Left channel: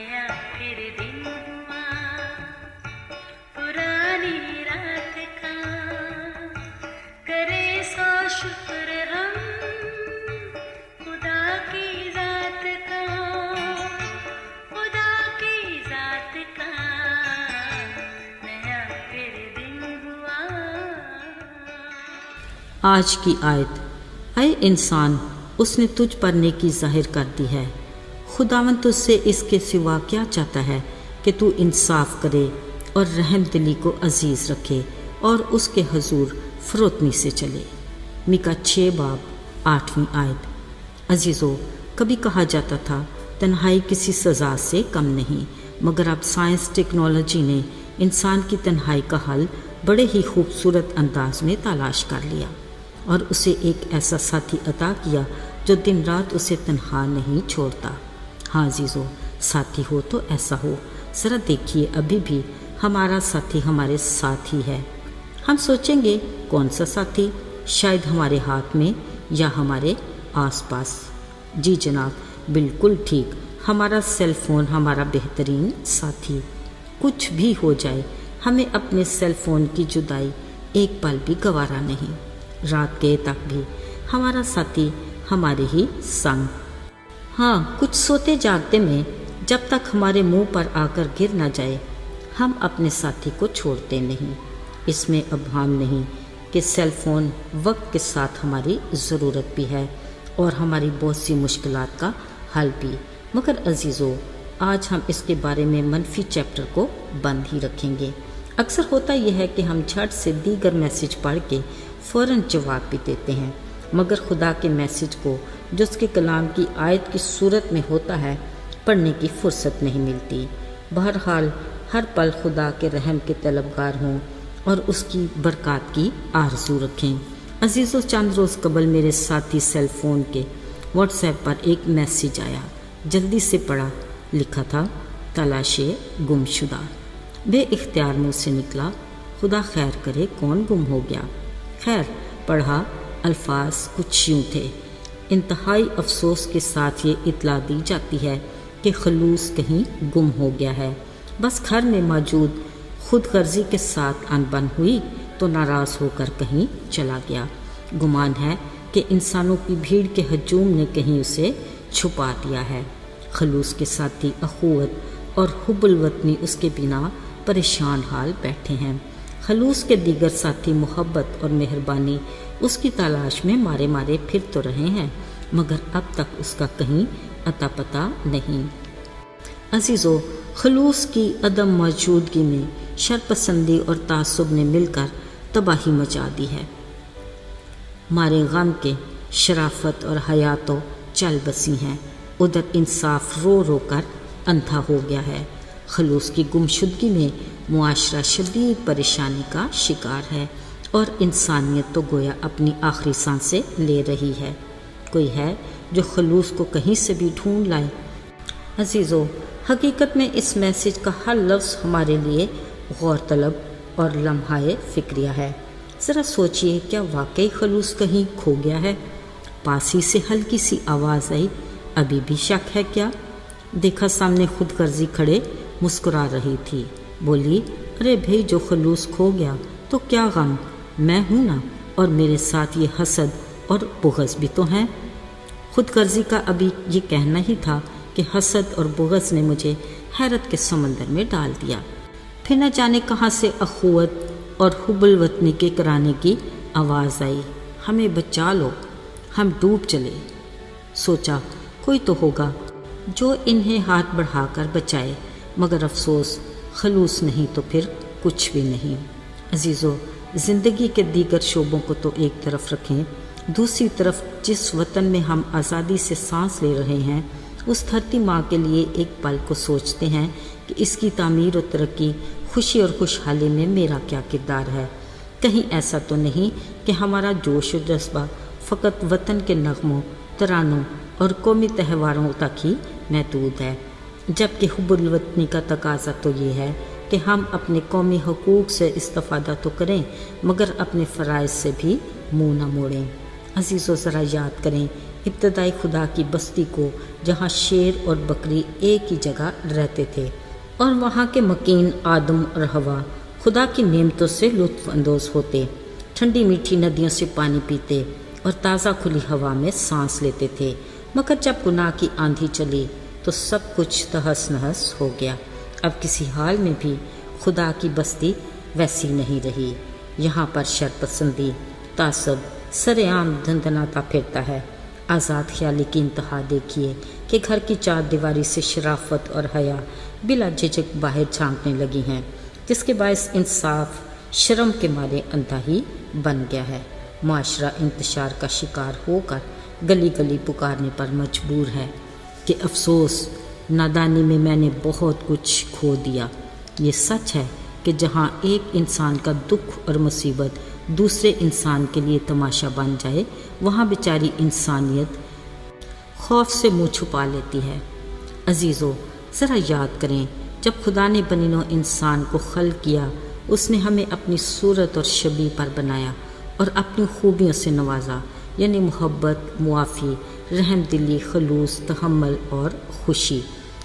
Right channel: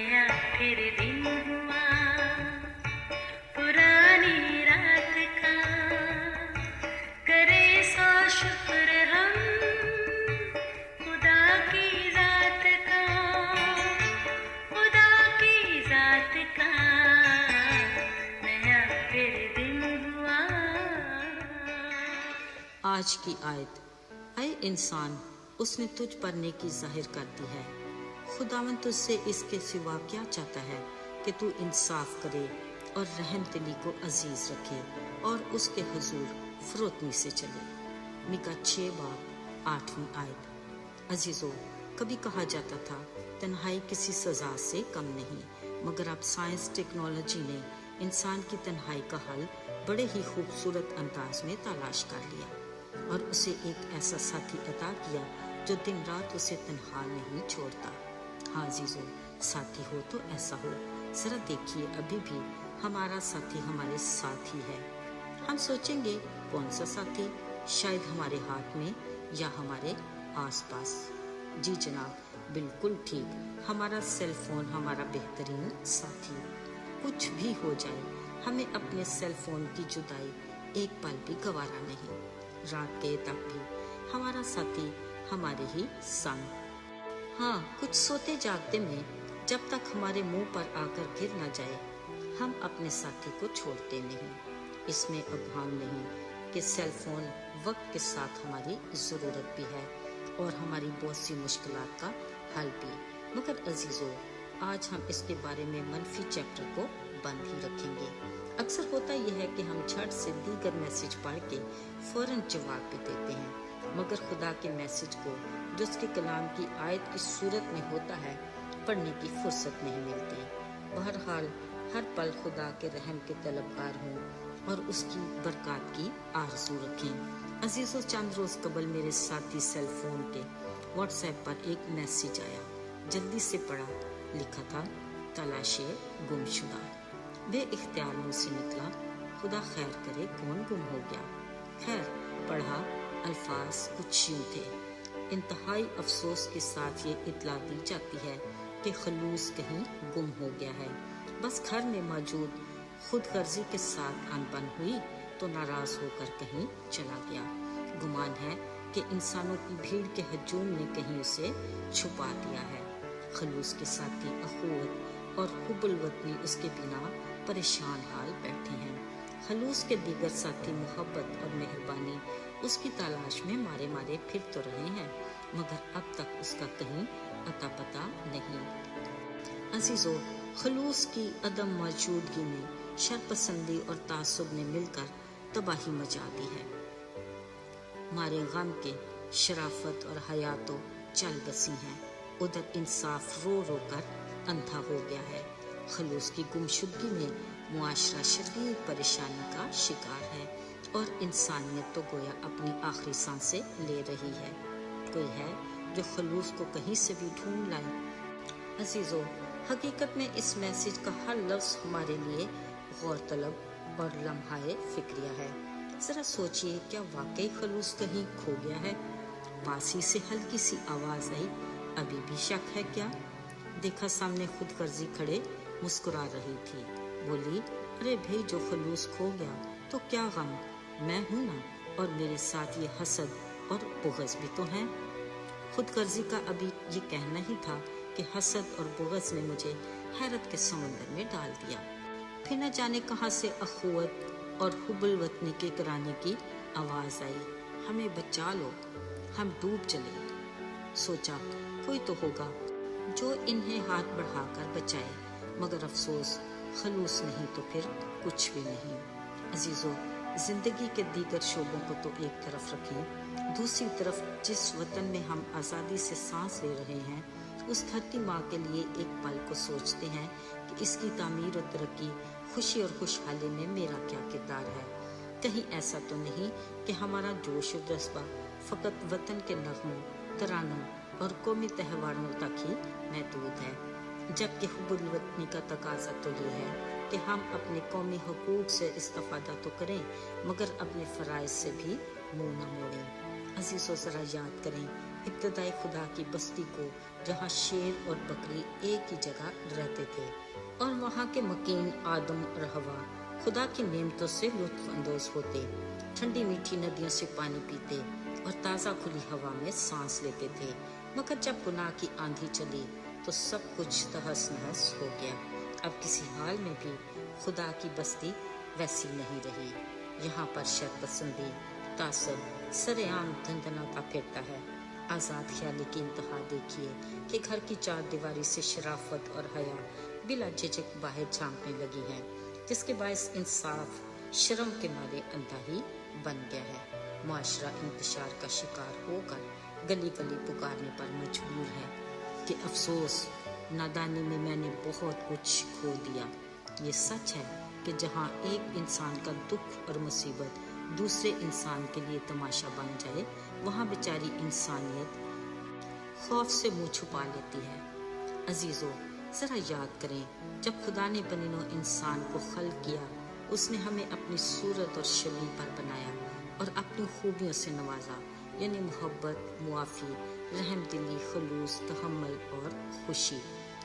नया फिर दिन हुआ पुरानी रात का, करे सौ शुक्र हम खुदा की जात का, खुदा की जात का नया फिर दिन हुआ। आज की आयत, ऐ इंसान उसने तुझ पर नेकी जाहिर कर दी है। खुदावन तुझसे इसके सिवा क्या चाहता है कि तू इंसाफ करे और रहम दिली को अजीज़ रखे और उसके हुजूर फरोतनी से चले। मीका 6 बाब 8वीं आयत। अजीज़ों, कभी कहा जाता था तन्हाई किसी सज़ा से कम नहीं, मगर अब साइंस टेक्नोलॉजी ने इंसान की तन्हाई का हल बड़े ही खूबसूरत अंदाज में तलाश कर लिया और उसे एक ऐसा साथी अता किया जो दिन रात उसे तन्हा नहीं छोड़ता। हाँ अजीज़ों, साथी हो तो ऐसा हो। ज़रा देखिए, अभी भी हमारा साथी हमारे साथ ही है। हम सोचेंगे कौन सा साथी, शायद हमारे हाथ में या हमारे आसपास। जी जनाब, बिल्कुल ठीक, हमारा सेल फ़ोन हमारा बेहतरीन साथी। कुछ भी हो जाए, हमें अपने सेल फ़ोन की जुदाई एक पल भी गवारा नहीं। रात गए तक भी हमारा साथी हमारे ही संग। हाँ, कुछ सोते जागते में जब तक हमारे मुंह पर आकर गिर न जाए, हम अपने साथी को छोड़ते नहीं। इसमें अभान नहीं कि सेल फ़ोन वक्त के साथ हमारी ज़रूरत भी है और हमारी बहुत सी मुश्किलात का हल भी। मगर अजीज़ों, आज हम इसके बारे में मनफी चैप्टर को बंद ही रखेंगे। अक्सर होता यह है कि हम झट से दीगर मैसेज पढ़ के फ़ौरन जवाब भी देते हैं, मगर खुदा के मैसेज को जो उसके कलाम की आयत की सूरत में होता है पढ़ने की फुर्सत नहीं मिलती। बहरहाल हर पल खुदा के रहम के तलबगार हों और उसकी बरकत की आरज़ू रखें। अजीज़ों, चंद रोज़ कबल मेरे साथी सेल फ़ोन के व्हाट्सएप पर एक मैसेज आया। जल्दी से पढ़ा। लिखा था, तलाशे गुमशुदा। बेइख्तियार मुँह से निकला, खुदा खैर करे, कौन गुम हो गया। खैर, पढ़ा, अल्फाज कुछ यूँ थे। इंतहाई अफसोस के साथ ये इत्तला दी जाती है कि खलूस कहीं गुम हो गया है। बस घर में मौजूद खुद गर्जी के साथ अनबन हुई तो नाराज़ होकर कहीं चला गया। गुमान है कि इंसानों की भीड़ के हजूम ने कहीं उसे छुपा दिया है। खलूस के साथी अखुवत और हुब्बुल वतनी उसके बिना परेशान हाल बैठे हैं। खलूस के दीगर साथी मोहब्बत और मेहरबानी उसकी तलाश में मारे मारे फिर तो रहे हैं, मगर अब तक उसका कहीं अता पता नहीं। अजीज़ों, खलूस की अदम मौजूदगी में शरपसंदी और तासुब ने मिलकर तबाही मचा दी है। मारे गम के शराफत और हया तो चल बसी हैं, उधर इंसाफ रो रो कर अंधा हो गया है। खलूस की गुमशुदगी में मुआशरा शदीद परेशानी का शिकार है और इंसानियत तो गोया अपनी आखिरी सांसें ले रही है। कोई है जो खलूस को कहीं से भी ढूंढ लाए। अजीज़ों, हकीकत में इस मैसेज का हर लफ्ज़ हमारे लिए गौर तलब और लम्हाए फ़िक्रिया है। ज़रा सोचिए, क्या वाकई खलूस कहीं खो गया है? पास ही से हल्की सी आवाज़ आई, अभी भी शक है क्या? देखा सामने खुद गर्जी खड़े मुस्कुरा रही थी। बोली, अरे भाई, जो खलूस खो गया तो क्या गम, मैं हूँ ना, और मेरे साथ ये हसद और बुग़्ज़ भी तो हैं। खुद गर्जी का अभी ये कहना ही था कि हसद और बुग़्ज़ ने मुझे हैरत के समंदर में डाल दिया। फिर न जाने कहाँ से अखुवत और हुब्बुल वतनी के कराने की आवाज़ आई, हमें बचा लो, हम डूब चले। सोचा कोई तो होगा जो इन्हें हाथ बढ़ाकर बचाए, मगर अफसोस खलूस नहीं तो फिर कुछ भी नहीं। अजीज़ों, ज़िंदगी के दीगर शोबों को तो एक तरफ रखें, दूसरी तरफ जिस वतन में हम आज़ादी से सांस ले रहे हैं, उस धरती माँ के लिए एक पल को सोचते हैं कि इसकी तामीर और तरक्की, खुशी और खुशहाली में मेरा क्या किरदार है। कहीं ऐसा तो नहीं कि हमारा जोश और जज्बा फ़कत वतन के नगमों, तरानों और कौमी त्यौहारों तक ही महदूद है, जबकि हुब्बुल वतनी का तकाजा तो ये है कि हम अपने कौमी हकूक़ से इस्तिफ़ादा तो करें, मगर अपने फ़राइज़ से भी मुँह न मोड़ें। अज़ीज़ों, ज़रा याद करें ابتدائی خدا کی بستی کو جہاں شیر اور بکری ایک ہی جگہ رہتے تھے اور وہاں کے مکین آدم اور ہوا خدا کی نعمتوں سے لطف اندوز ہوتے، ٹھنڈی میٹھی ندیوں سے پانی پیتے اور تازہ کھلی ہوا میں سانس لیتے تھے، مگر جب گناہ کی آندھی چلی تو سب کچھ تہس نہس ہو گیا۔ اب کسی حال میں بھی خدا کی بستی ویسی نہیں رہی۔ یہاں پر شر پسندی، تعصب سر عام دھندناتا پھرتا ہے۔ آزاد خیالی کی انتہا دیکھیے کہ گھر کی چار دیواری سے شرافت اور حیا بلا جھجک باہر جھانکنے لگی ہیں، جس کے باعث انصاف شرم کے مارے اندھا ہی بن گیا ہے۔ معاشرہ انتشار کا شکار ہو کر گلی گلی پکارنے پر مجبور ہے کہ افسوس، نادانی میں میں نے بہت کچھ کھو دیا۔ یہ سچ ہے کہ جہاں ایک انسان کا دکھ اور مصیبت دوسرے انسان کے لیے تماشا بن جائے، وہاں بیچاری انسانیت خوف سے منہ چھپا لیتی ہے۔ عزیزو، ذرا یاد کریں، جب خدا نے بنی نوع انسان کو خلق کیا، اس نے ہمیں اپنی صورت اور شبیہ پر بنایا اور اپنی خوبیوں سے نوازا، یعنی محبت، معافی، رحم دلی، خلوص، تحمل اور خوشی۔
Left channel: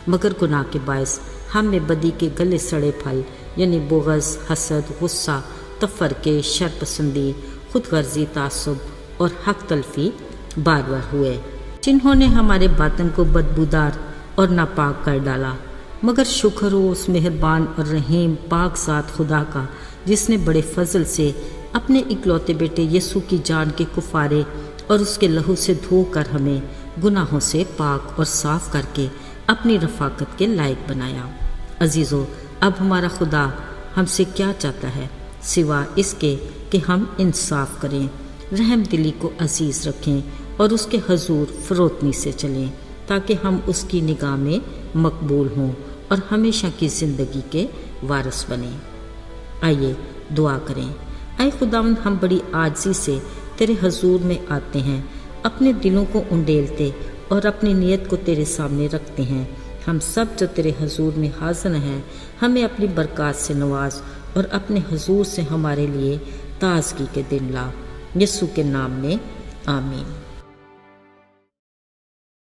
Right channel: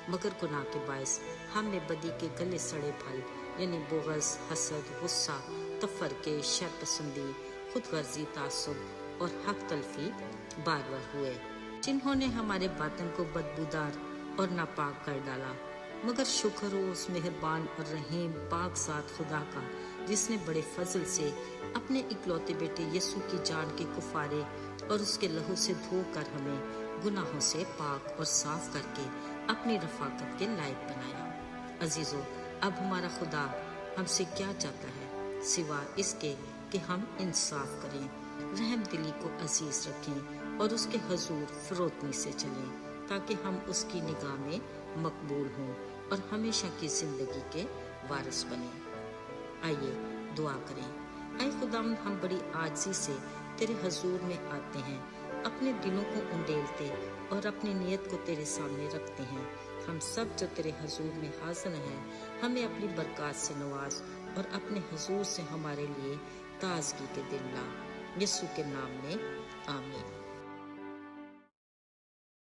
مگر گناہ کے باعث ہم میں بدی کے گلے سڑے پھل یعنی بغض، حسد، غصہ، تفرقے، شر پسندی، خود غرضی، تعصب اور حق تلفی بار بار ہوئے، جنہوں نے ہمارے باطن کو بدبودار اور ناپاک کر ڈالا۔ مگر شکر ہو اس مہربان اور رحیم پاک ذات خدا کا، جس نے بڑے فضل سے اپنے اکلوتے بیٹے یسوع کی جان کے کفارے اور اس کے لہو سے دھو کر ہمیں گناہوں سے پاک اور صاف کر کے اپنی رفاقت کے لائق بنایا۔ عزیزو، اب ہمارا خدا ہم سے کیا چاہتا ہے سوا اس کے کہ ہم انصاف کریں، رحم دلی کو عزیز رکھیں اور اس کے حضور فروتنی سے چلیں، تاکہ ہم اس کی نگاہ میں مقبول ہوں اور ہمیشہ کی زندگی کے وارث بنیں۔ آئیے دعا کریں۔ اے خداوند، ہم بڑی عاجزی سے تیرے حضور میں آتے ہیں، اپنے دلوں کو انڈیلتے اور اپنی نیت کو تیرے سامنے رکھتے ہیں۔ ہم سب جو تیرے حضور میں حاضر ہیں، ہمیں اپنی برکات سے نواز اور اپنے حضور سے ہمارے لیے تازگی کے دن لا۔ یسوع کے نام میں آمین۔